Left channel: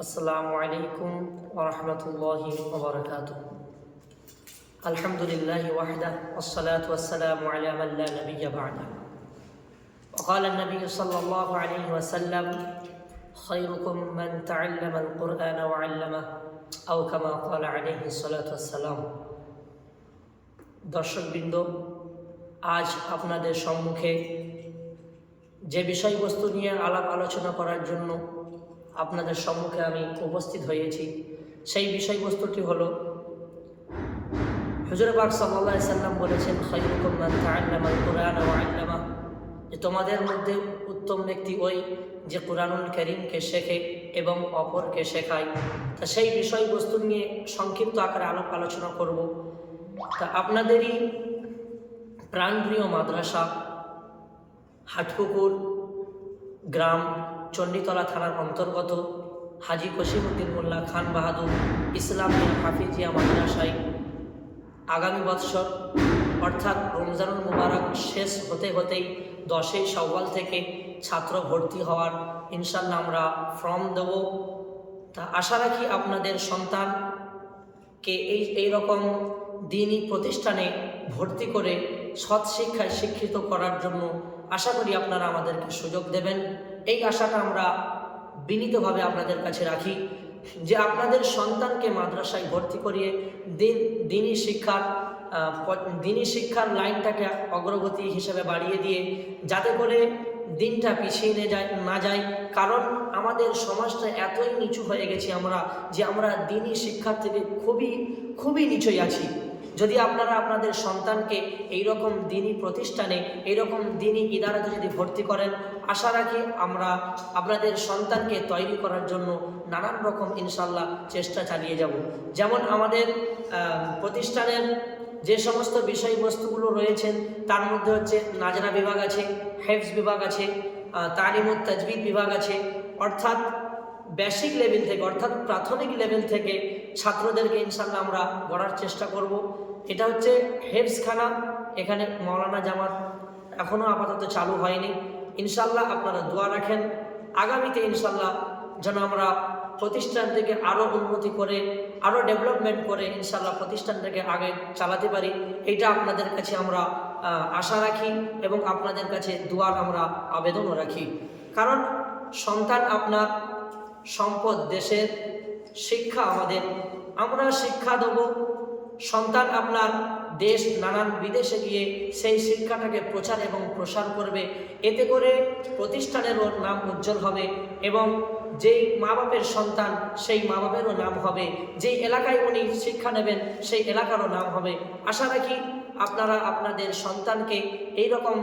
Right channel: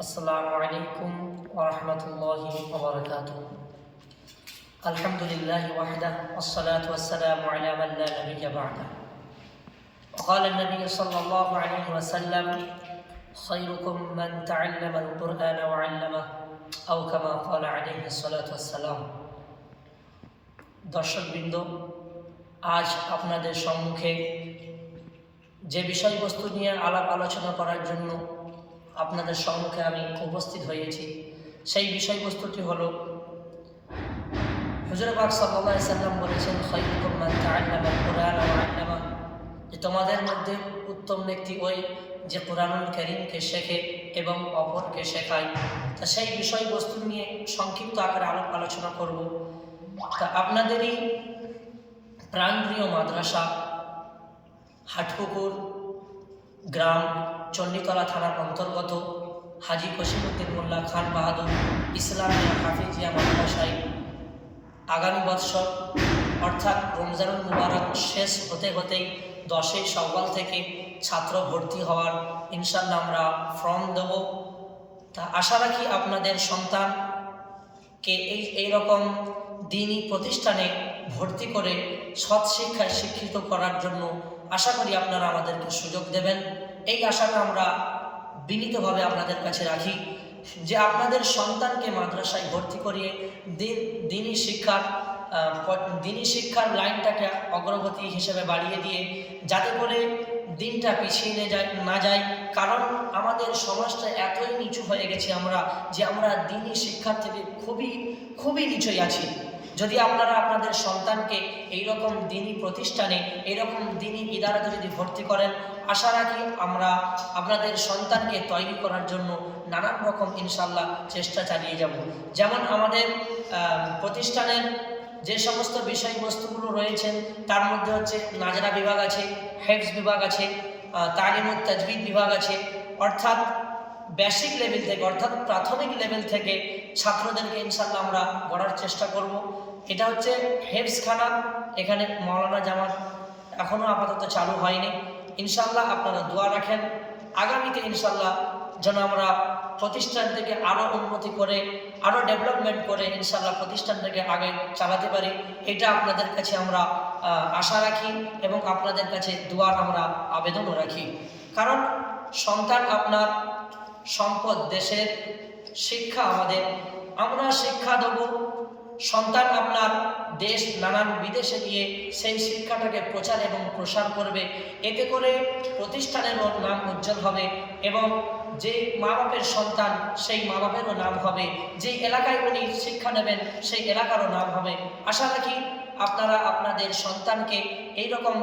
السلام عليكم ورحمة الله وبركاته الحمد لله وحده والصلاة والسلام على من لا نبي بعده وقال النبي صلى الله عليه وسلم خيركم من تعلم القرآن وعلمه أو كما قال عليه الصلاة والسلام দর্শকবৃন্দ আজ আপনাদের সম্মুখে যে বিষয়বস্তু নিয়ে আলাপ আলোচনা করার জন্য আপনাদের সম্মুখে আমি উপস্থিত হয়েছি। সেই বিষয়বস্তুটি হলো হুজুরবাগ সাল্লাহ সাল্লাম বলেছেন খৈরুকুম মান তাআল্লামা আল কুরআন ওয়া আল্লামা। যে তোমাদের মধ্যে উত্তম ব্যক্তি ওই যে কোরআনুল করিমকে শেখে এবং অপরকে শেখায়। তা সেই বিষয়বস্তু নিয়ে সংক্ষিপ্ত আকারে আলাপ আলোচনা করব। তা আপনাদেরই প্রাণপ্রিয় মাদ্রাসা, হাটপুকুর, গ্রাম চণ্ডীতলা থানার অন্তর্গত হাজি কসিমুদ্দিন মোল্লা খান বাহাদুর ইসলামিয়া হাফিজিয়া মাদ্রাসায় আগামী বৎসর, অর্থাৎ রমজানুল মুবারক শেষ হতে হতেই দশই সওয়াল থেকে ছাত্র ভর্তি হওয়ার ইনশাল্লাহ আমরা ফর্ম দেব। তা আশা রাখি আপনাদের সন্তানকে এই এই রকম দিনই প্রতিষ্ঠানে ভর্তি করে সৎ শিক্ষায় শিক্ষিত করার জন্য আশা করি আপনারা আমাদেরকে সুযোগ দেবেন। এই আশাটা আমরা বিনীতভাবে আপনাদের কাছে রাখি যে আপনাদের সন্তানকে মাদ্রাসায় ভর্তি করিয়ে দিন দিনই শিক্ষার দিনই শিক্ষার লাইনটাকে অগ্রগতি হিসেবে বাড়িয়ে দিয়ে যাতে করে দিনটা পিছিয়ে নিয়ে যায়, না যায়। কারণ আমাদের সমাজটা এতই নিচু হয়ে গেছি আমরা যে আমরা দিনই শিক্ষার থেকে খুবই খুবই নিচুই আছি। যদি আপনারা আপনাদের সন্তানকে এই রকম দিনই প্রতিষ্ঠানে এই রকম দিনই ইদারাতে যদি ভর্তি করেন আশা রাখি আমরা আপনাদের সন্তানকে তৈরি করার জন্য নানান রকম ইনশাল্লাহ চেষ্টা চালিয়ে যাব। যেমন আমাদের প্রতিষ্ঠানের যে সমস্ত বিষয়বস্তুগুলো রয়েছেন তার মধ্যে হচ্ছে নাজরা বিভাগ আছে হেফস বিভাগ আছে আহ, তালিমুত তাজবিদ বিভাগ আছে অর্থাৎ বেসিক লেভেল থেকে, অর্থাৎ প্রাথমিক লেভেল থেকে ছাত্রদেরকে ইনশাল্লাহ আমরা গড়ার চেষ্টা করব। এটা হচ্ছে হেফসখানা এখানে মৌলানা জামাত এখনও আপাতত চালু হয়নি। ইনশাল্লাহ আপনারা দোয়া রাখেন। আগামীতে ইনশাল্লাহ যেন আমরা প্রতিষ্ঠান থেকে আরও উন্নতি করে আরও ডেভেলপমেন্ট করে ইনশাল্লাহ প্রতিষ্ঠানটাকে আগে চালাতে পারি, এটা আপনাদের কাছে আমরা আশা রাখি এবং আপনাদের কাছে দোয়ার আমরা আবেদনও রাখি। কারণ সন্তান আপনার সম্পদ দেশের শিক্ষা আমাদের। আমরা শিক্ষা দেব। সন্তান আপনার দেশ, নানান বিদেশে গিয়ে সেই শিক্ষাটাকে প্রচার এবং প্রসার করবে। এতে করে প্রতিষ্ঠানেরও নাম উজ্জ্বল হবে এবং যেই মা বাপের সন্তান, সেই মা বাপেরও নাম হবে। যেই এলাকায় উনি শিক্ষা নেবেন, সেই এলাকারও নাম হবে। আশা রাখি আপনারা আপনাদের সন্তানকে এই রকম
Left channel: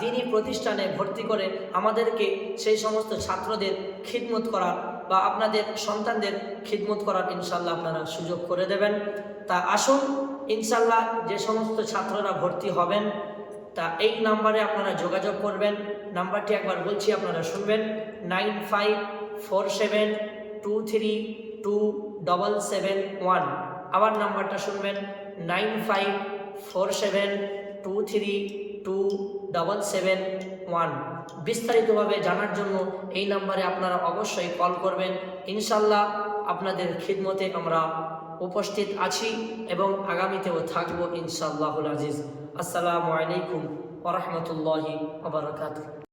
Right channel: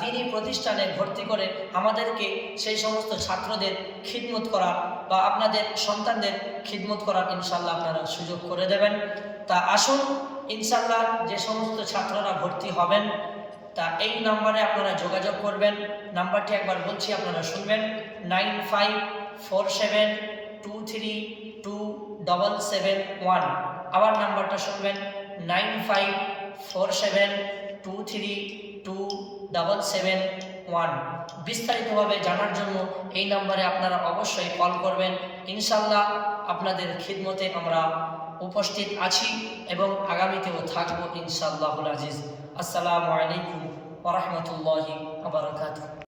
দিনই প্রতিষ্ঠানে ভর্তি করে আমাদেরকে সেই সমস্ত ছাত্রদের খিদমত করার বা আপনাদের সন্তানদের খিদমত করার ইনশাল্লাহ আপনারা সুযোগ করে দেবেন। তা আসুন, ইনশাল্লাহ যে সমস্ত ছাত্ররা ভর্তি হবেন, তা এই নাম্বারে আপনারা যোগাযোগ করবেন। নাম্বারটি একবার বলছি, আপনারা শুনবেন। Nine five four seven two three two double seven one. আবার নাম্বারটা শুনবেন। Nine five four seven two three two double seven one বিস্তারিতভাবে জানার জন্য এই নাম্বারে আপনারা অবশ্যই কল করবেন। ইনশাল্লাহ আপনাদের খিদমতে আমরা উপস্থিত আছি এবং আগামীতেও থাকব ইনশাল্লাহুল আজিজ। আসসালামু আলাইকুম ওরহমতুল্লাহি আবরকাত